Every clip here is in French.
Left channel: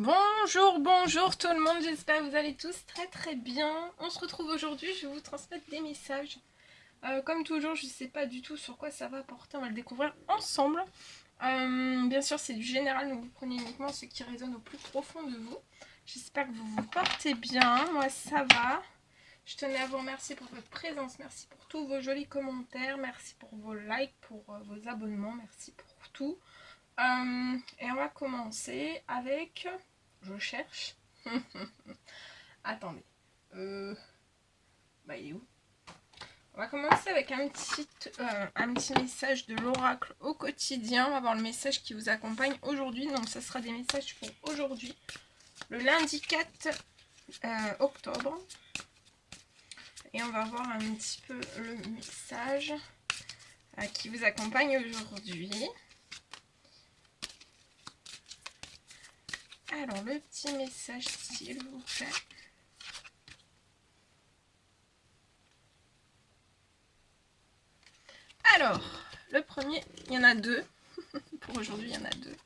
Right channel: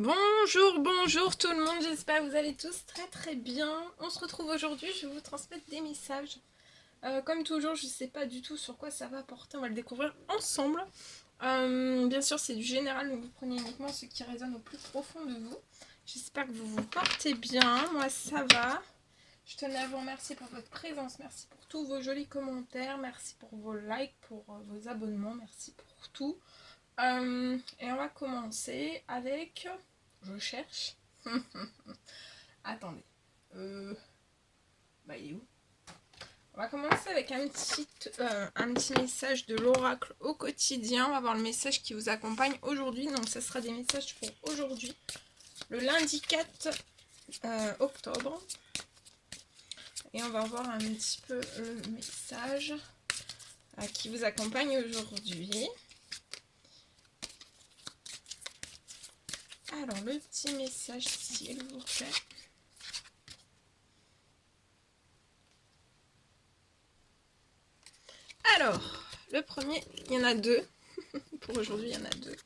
Bonjour, bonjour tout le monde, j'espère que vous allez tous très bien. On se retrouve aujourd'hui, je vais vous transmettre des messages. Comme toujours, je ne sais pas du tout sur quoi ça va porter, on va le découvrir ensemble. Bien sûr, c'est du général, donc vous prenez uniquement ce qui résonne au plus profond de vous. J'espère que vous vous portez bien, moi ça va. Je tenais à vous remercier pour votre présence, merci pour tous vos jolis commentaires, merci pour vos likes, pour vos abonnements, merci pour tout. Et on va commencer avec... Je cherche. Attendez. Il est où? On va commencer avec un petit message de l'oracle au quotidien. On va voir le message qui vous accompagne aujourd'hui. Donc, ce sera des messages pour aujourd'hui, le lundi 4 octobre. Et on va voir un petit peu le message qui vous accompagne aujourd'hui. Alors, le petit message, s'il vous plaît. Alors, le premier, il y en a deux. Pour aujourd'hui, il y en a deux.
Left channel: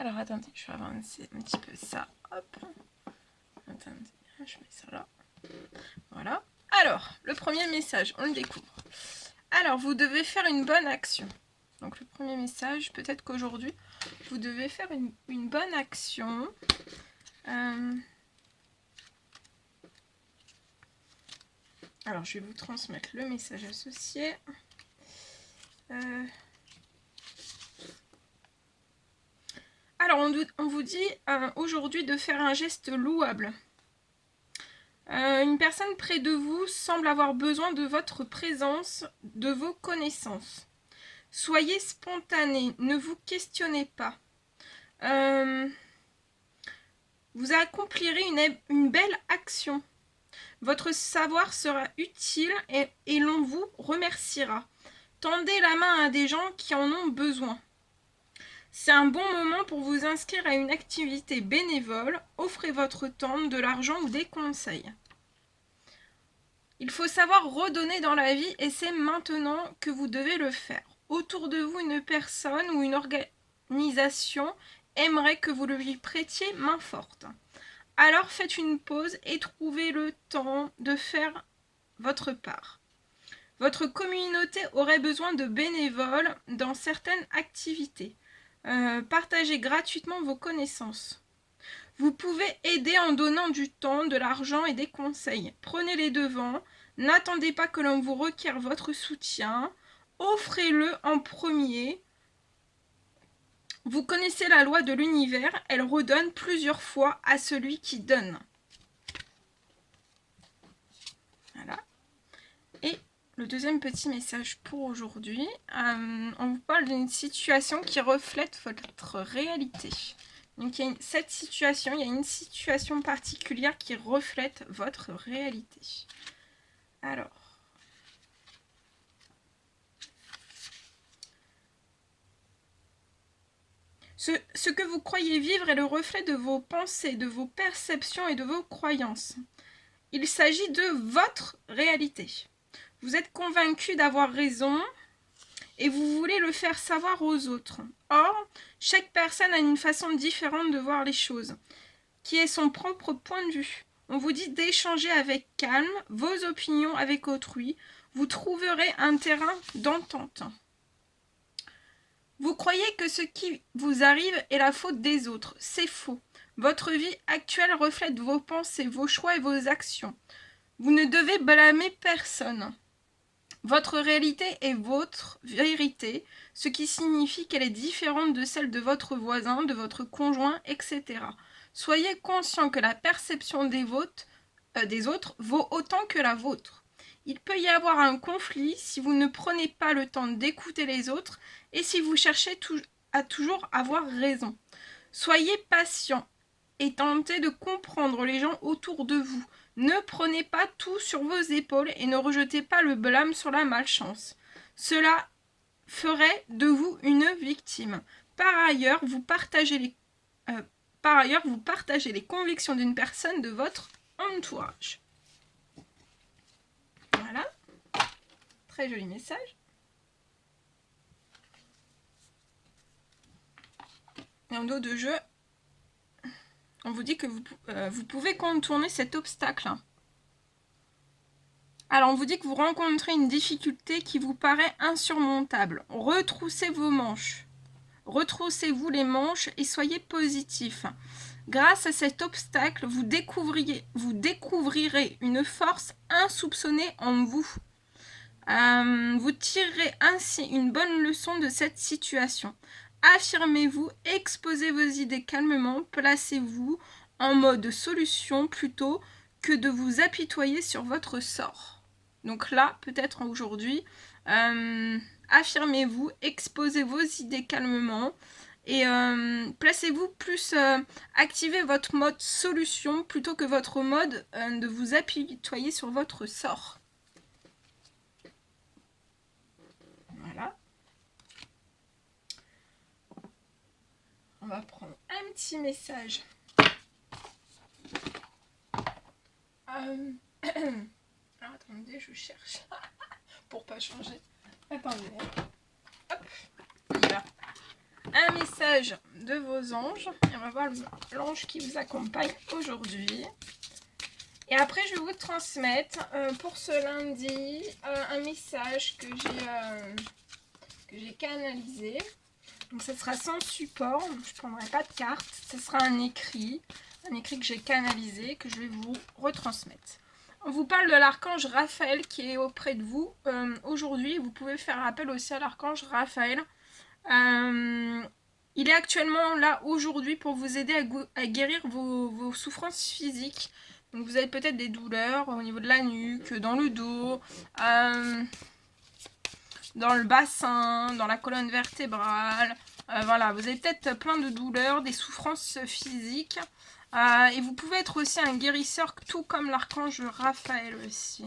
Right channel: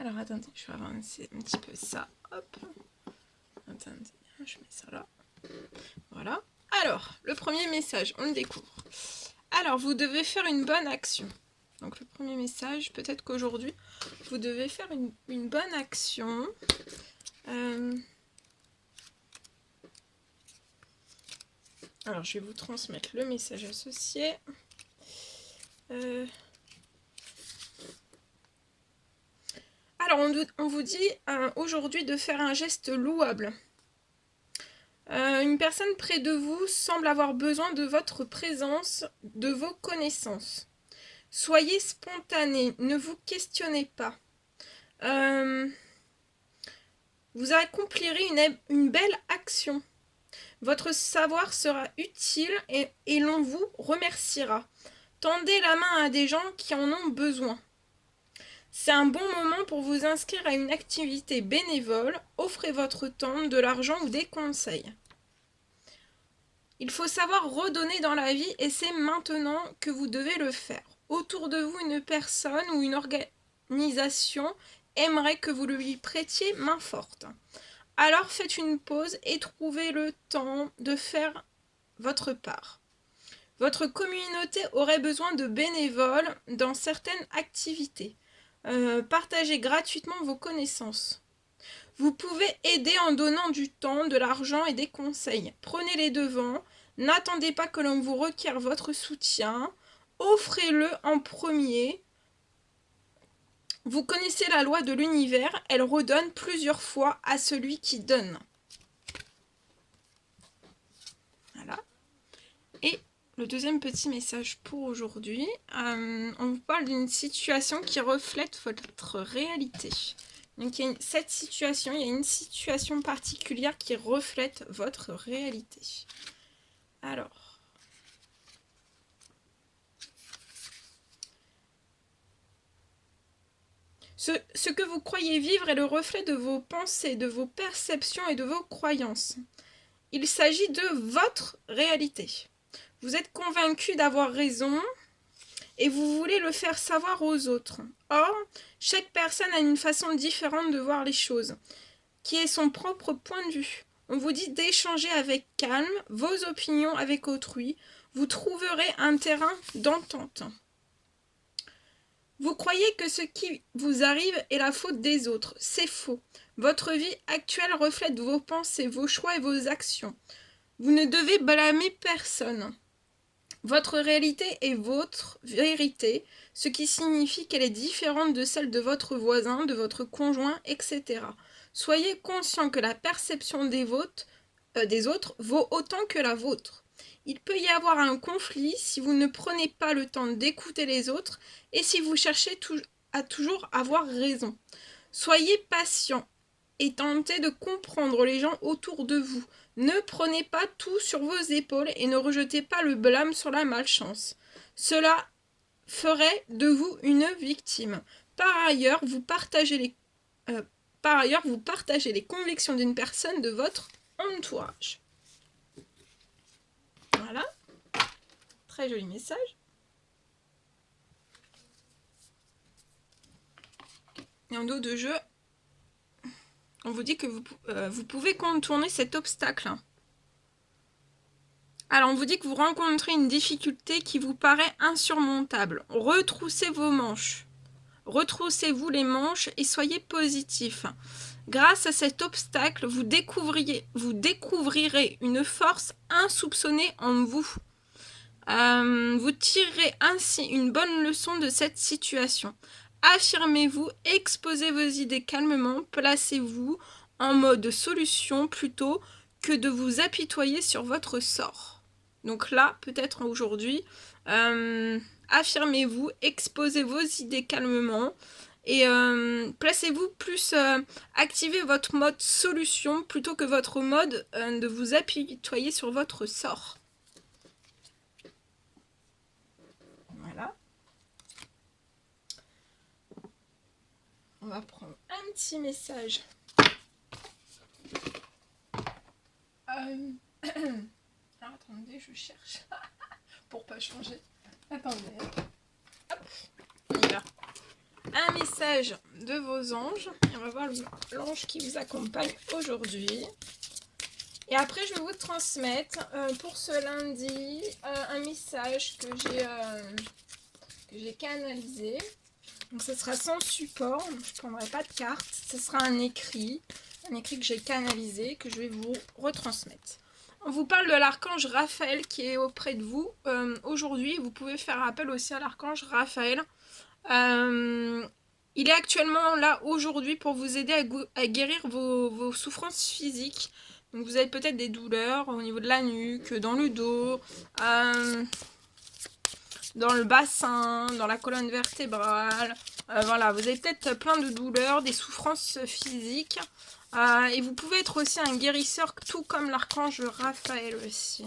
Alors, attendez, je vais avancer un petit peu ça. Hop. Attendez, je mets ça là. Voilà. Alors, le premier message, on le découvre. Alors, vous devez faire une bonne action. Donc, le premier message, peut-être qu'aujourd'hui, vous devez faire une bonne action. Alors, je vais vous transmettre le message associé. Alors, on vous dit aujourd'hui de faire un geste louable. Une personne près de vous semble avoir besoin de votre présence, de vos connaissances. Soyez spontané, ne vous questionnez pas. Vous accomplirez une belle action. Votre savoir sera utile et l'on vous remerciera. Tendez la main à des gens qui en ont besoin. C'est un bon moment pour vous inscrire à une activité bénévole. Offrez votre temps, de l'argent ou des conseils. Il faut savoir redonner dans la vie et c'est maintenant que vous devez le faire. Autour de vous, une personne ou une organisation aimerait que vous lui prêtiez main forte. Alors faites une pause et trouvez le temps de faire votre part. Votre communauté aurait besoin de bénévoles dans certaines activités. Partagez gratuitement vos connaissances. Vous pouvez aider en donnant du temps, de l'argent et des conseils. Prenez les devants. N'attendez pas que l'on vous requiert votre soutien. Offrez-le en premier. Vous connaissez la loi de l'univers. Elle redonne plusieurs fois à celui qui donne. Voilà. Et le deuxième petit message pour aujourd'hui. On vous parle d'une situation qui reflète votre réalité. Donc, il y a une situation particulière qui reflète votre réalité. Alors, ce que vous croyez vivre est le reflet de vos pensées, de vos perceptions et de vos croyances. Il s'agit de votre réalité. Vous êtes convaincu d'avoir raison et vous voulez le faire savoir aux autres. Or, chaque personne a une façon différente de voir les choses, qui est son propre point de vue. On vous dit d'échanger avec calme vos opinions avec autrui. Vous trouverez un terrain d'entente. Vous croyez que ce qui vous arrive est la faute des autres. C'est faux. Votre vie actuelle reflète vos pensées, vos choix et vos actions. Vous ne devez blâmer personne. Votre réalité est votre vérité, ce qui signifie qu'elle est différente de celle de votre voisin, de votre conjoint, etc. Soyez conscient que la perception des autres vaut autant que la vôtre. Il peut y avoir un conflit si vous ne prenez pas le temps d'écouter les autres et si vous cherchez à toujours avoir raison. Soyez patient et tentez de comprendre les gens autour de vous. Ne prenez pas tout sur vos épaules et ne rejetez pas le blâme sur la malchance. Cela ferait de vous une victime. Par ailleurs, vous partagez les convictions d'une personne de votre entourage. Voilà. Très joli message. Et en dos de jeu, On vous dit que vous pouvez contourner cet obstacle. Alors, on vous dit que vous rencontrez une difficulté qui vous paraît insurmontable. Retroussez vos manches. Retroussez-vous les manches et soyez positif. Grâce à cet obstacle, vous découvrirez une force insoupçonnée en vous. Vous tirerez ainsi une bonne leçon de cette situation. Affirmez-vous, exposez vos idées calmement, placez-vous en mode solution plutôt que de vous apitoyer sur votre sort. Donc là, peut-être aujourd'hui, affirmez-vous, exposez vos idées calmement et placez-vous plus, activez votre mode solution plutôt que votre mode de vous apitoyer sur votre sort. Voilà. On va prendre un petit message. Alors, attendez, je cherche. Pour pas changer. Attendez. Hop, on y va. Un message de vos anges. Et on va voir l'ange qui vous accompagne aujourd'hui. Et après, je vais vous transmettre pour ce lundi un message que j'ai canalisé. Donc, ce sera sans support. Je ne prendrai pas de carte. Ce sera un écrit que j'ai canalisé, que je vais vous retransmettre. On vous parle de l'archange Raphaël qui est auprès de vous aujourd'hui. Vous pouvez faire appel aussi à l'archange Raphaël. Il est actuellement là aujourd'hui pour vous aider à guérir vos souffrances physiques. Donc vous avez peut-être des douleurs au niveau de la nuque, dans le dos, dans le bassin, dans la colonne vertébrale. Voilà, vous avez peut-être plein de douleurs, des souffrances physiques. Et vous pouvez être aussi un guérisseur, tout comme l'archange Raphaël aussi.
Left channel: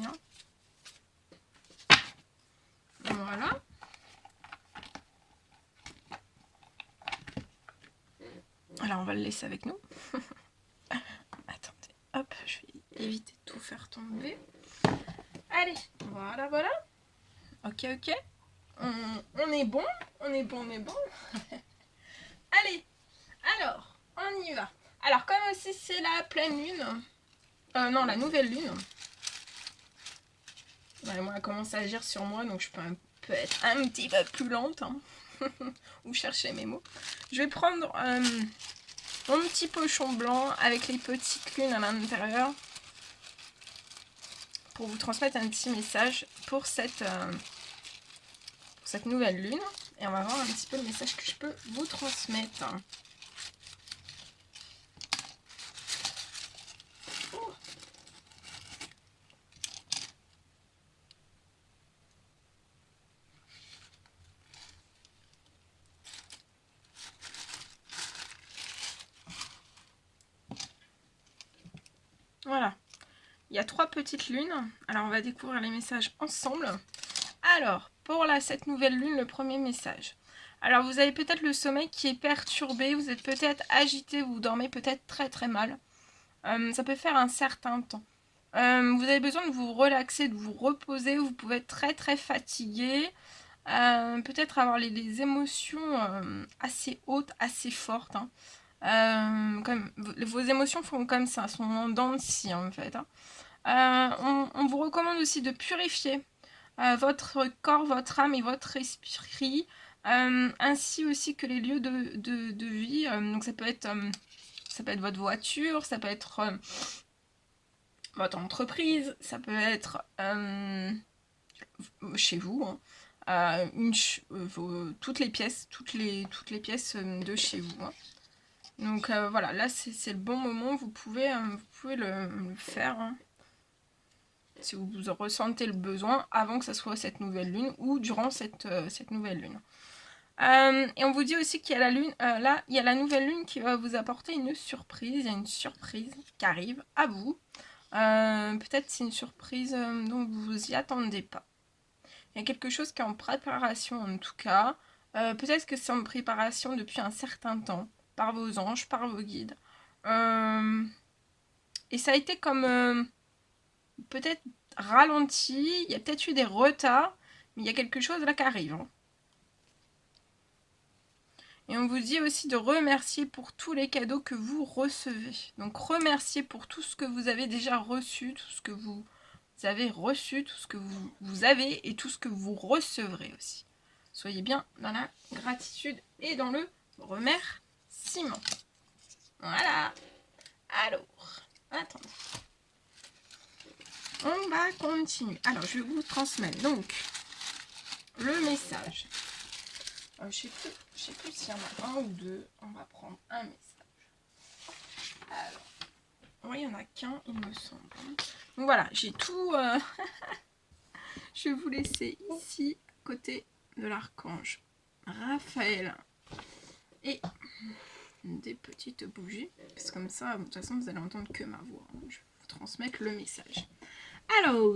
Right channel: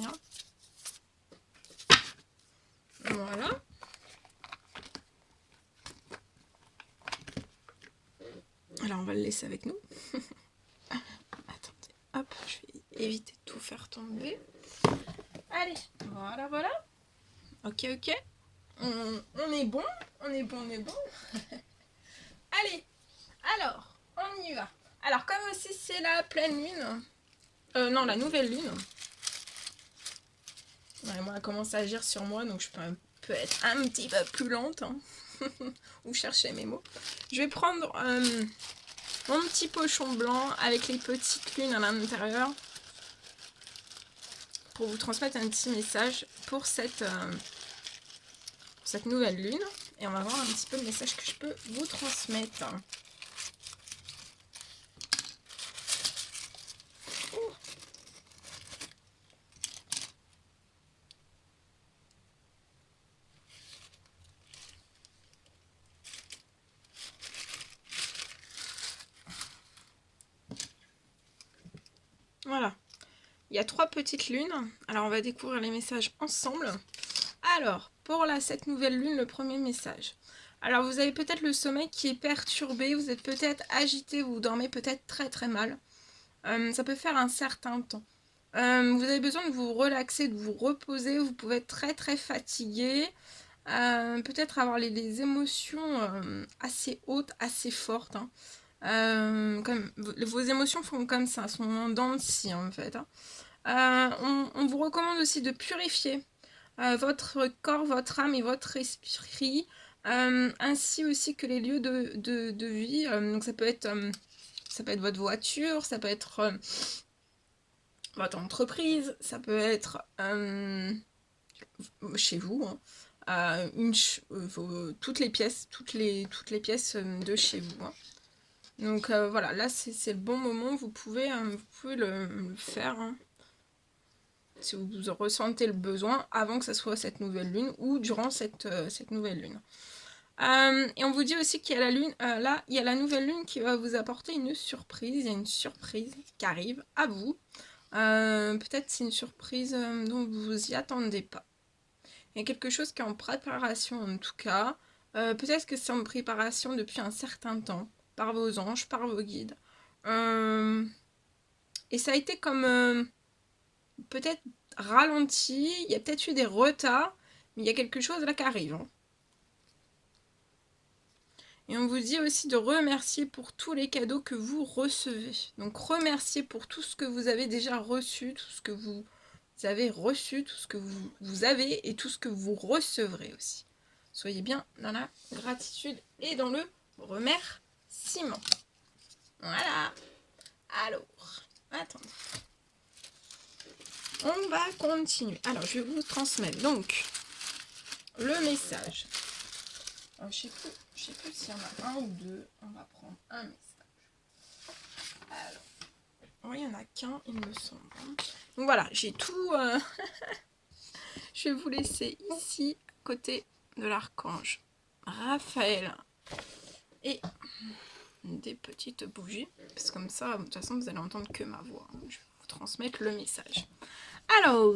Voilà. Alors, on va le laisser avec nous. Attendez, hop, je vais éviter de tout faire tomber. Allez, voilà. Ok. On est bon. Allez, alors, on y va. Alors, comme aussi c'est la pleine lune, non, la nouvelle lune. Ouais, moi, elle commence à agir sur moi, donc je peux être un petit peu plus lente. Ou chercher mes mots. Je vais prendre mon petit pochon blanc avec les petites lunes à l'intérieur pour vous transmettre un petit message pour cette nouvelle lune. Et on va voir un petit peu le message que je peux vous transmettre. Voilà. Il y a 3 petites lunes. Alors, on va découvrir les messages ensemble. Alors, pour cette nouvelle lune, le premier message. Alors, vous avez peut-être le sommeil qui est perturbé. Vous êtes peut-être agité. Vous dormez peut-être très très mal. Ça peut faire un certain temps. Vous avez besoin de vous relaxer, de vous reposer. Vous pouvez être très très fatigué. Peut-être avoir les émotions assez hautes, assez fortes. Comme, vos émotions font comme ça, sont en dents de scie en fait. On vous recommande aussi de purifier votre corps, votre âme et votre esprit, ainsi aussi que les lieux de vie. Donc ça peut être votre voiture, ça peut être votre entreprise, ça peut être chez vous, toutes les pièces de chez vous. Donc voilà, là c'est le bon moment, vous pouvez le faire si vous ressentez le besoin avant que ça soit cette nouvelle lune ou durant cette nouvelle lune. Et on vous dit aussi qu'il y a la lune, là il y a la nouvelle lune qui va vous apporter une surprise, il y a une surprise qui arrive à vous. Peut-être c'est une surprise dont vous vous y attendez pas. Il y a quelque chose qui est en préparation en tout cas. Peut-être que c'est en préparation depuis un certain temps, par vos anges, par vos guides. Et ça a été comme peut-être ralenti, il y a peut-être eu des retards, mais il y a quelque chose là qui arrive. Et on vous dit aussi de remercier pour tous les cadeaux que vous recevez. Donc remerciez pour tout ce que vous avez déjà reçu, tout ce que vous avez reçu, tout ce que vous avez et tout ce que vous recevrez aussi. Soyez bien dans la gratitude et dans le remerciement. Voilà. Alors, attendez. On va continuer. Alors, je vais vous transmettre donc le message. Je sais plus s'il y en a un ou deux. On va prendre un message. Alors, oui, il n'y en a qu'un, il me semble. Donc voilà, j'ai tout. Je vais vous laisser ici, à côté de l'archange Raphaël. Et des petites bougies. Parce que comme ça, de toute façon, vous allez entendre que ma voix. Je vais vous transmettre le message. Alors,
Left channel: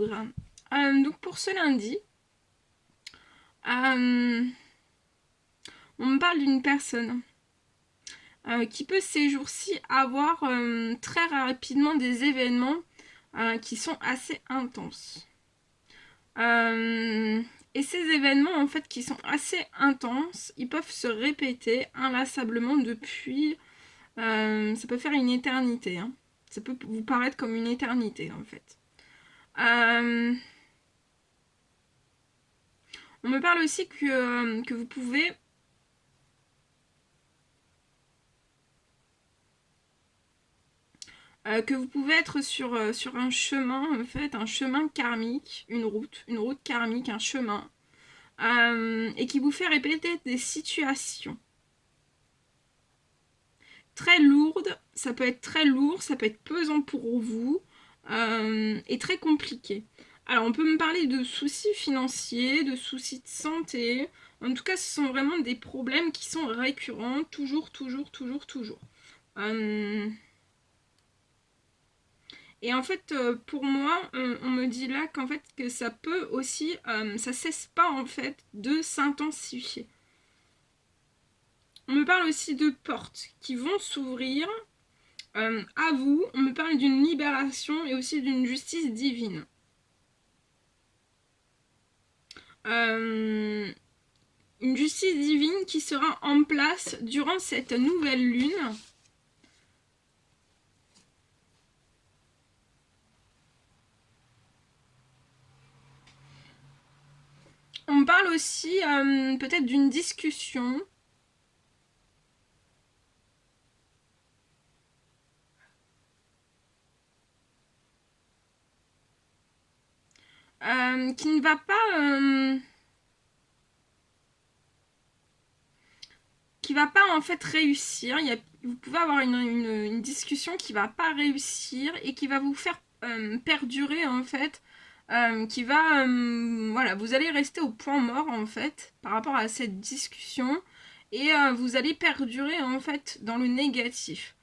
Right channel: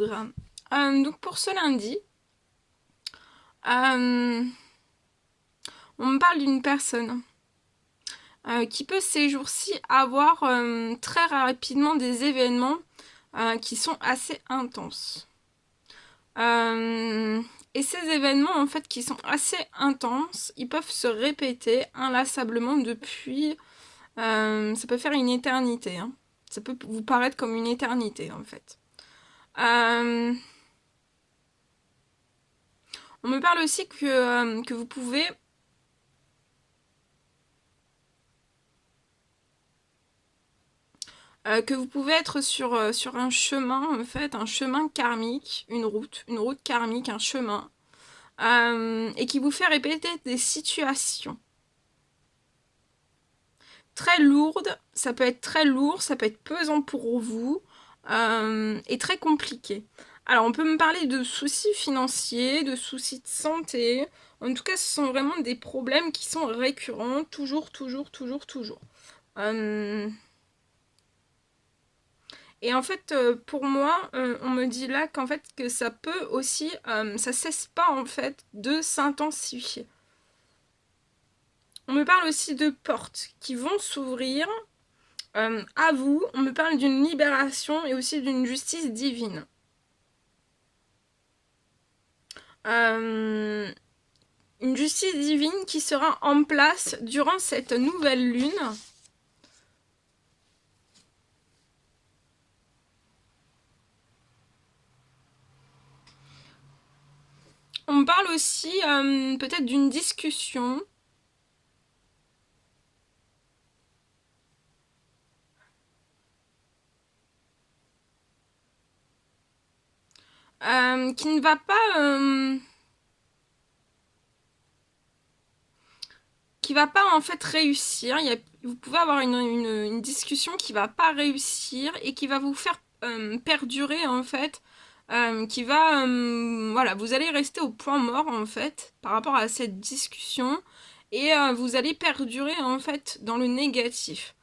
donc pour ce lundi, on me parle d'une personne qui peut ces jours-ci avoir très rapidement des événements qui sont assez intenses. Et ces événements en fait qui sont assez intenses, ils peuvent se répéter inlassablement depuis, ça peut faire une éternité, hein. Ça peut vous paraître comme une éternité en fait. On me parle aussi que vous pouvez être sur un chemin, en fait, un chemin karmique, une route karmique, un chemin, et qui vous fait répéter des situations très lourdes. Ça peut être très lourd, ça peut être pesant pour vous, et très compliqué. Alors, on peut me parler de soucis financiers, de soucis de santé. En tout cas, ce sont vraiment des problèmes qui sont récurrents, toujours. Et en fait, pour moi, on me dit là qu'en fait, que ça peut aussi, ça cesse pas en fait de s'intensifier. On me parle aussi de portes qui vont s'ouvrir à vous. On me parle d'une libération et aussi d'une justice divine. Une justice divine qui sera en place durant cette nouvelle lune. On me parle aussi peut-être d'une discussion. Qui ne va pas... qui va pas en fait réussir. Vous pouvez avoir une discussion qui va pas réussir et qui va vous faire perdurer en fait, qui va voilà, vous allez rester au point mort en fait par rapport à cette discussion et vous allez perdurer en fait dans le négatif.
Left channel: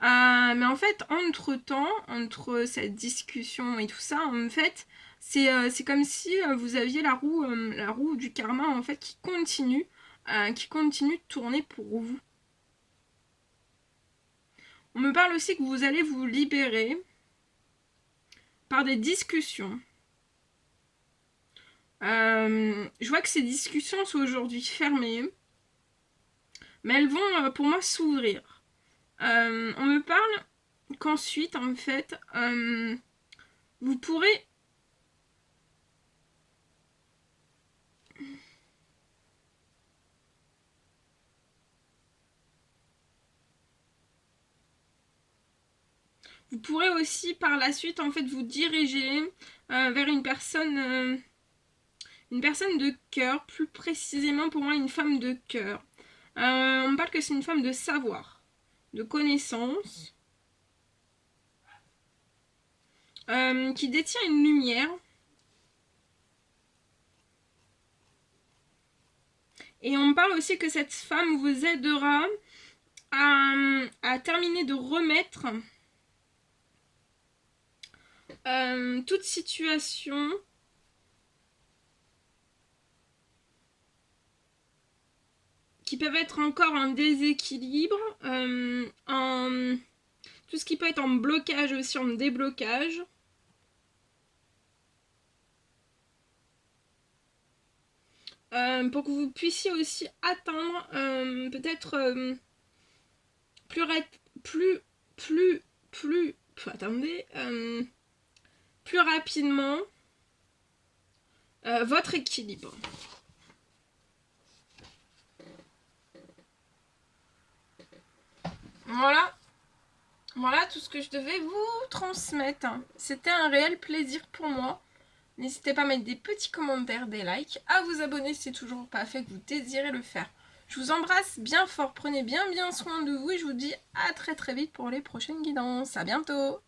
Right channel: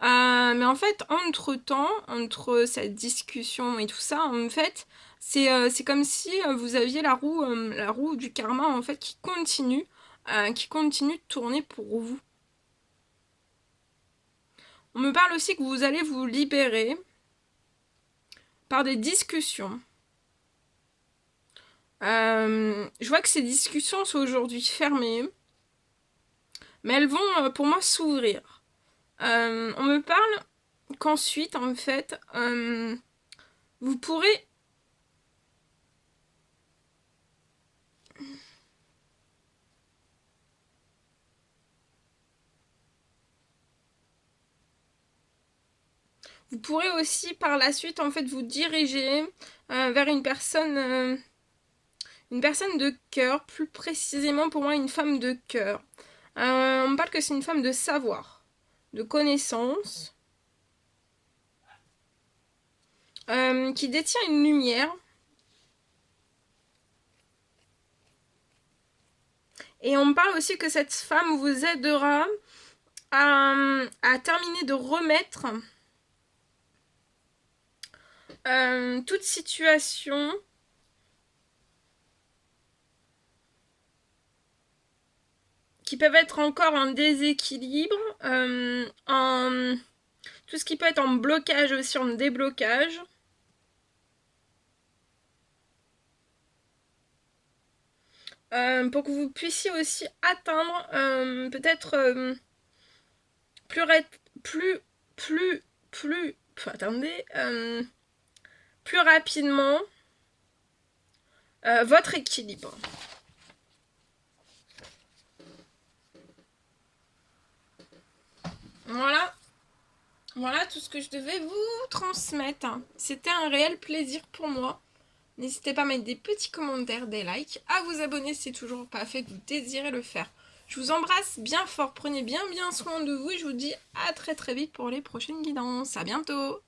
Mais en fait, entre cette discussion et tout ça, en fait, c'est comme si vous aviez la roue du karma en fait qui continue de tourner pour vous. On me parle aussi que vous allez vous libérer par des discussions. Je vois que ces discussions sont aujourd'hui fermées, mais elles vont pour moi s'ouvrir. On me parle qu'ensuite, en fait, vous pourrez... Vous pourrez aussi par la suite en fait vous diriger vers une personne de cœur, plus précisément pour moi une femme de cœur. On me parle que c'est une femme de savoir, de connaissance, qui détient une lumière. Et on me parle aussi que cette femme vous aidera à terminer de remettre toute situation qui peuvent être encore en déséquilibre, tout ce qui peut être en blocage aussi, en déblocage. pour que vous puissiez aussi atteindre peut-être attendez, plus rapidement votre équilibre. Voilà tout ce que je devais vous transmettre. C'était un réel plaisir pour moi. N'hésitez pas à mettre des petits commentaires, des likes, à vous abonner si c'est toujours pas fait, que vous désirez le faire. Je vous embrasse bien fort, prenez bien soin de vous et je vous dis à très vite pour les prochaines guidances. À bientôt!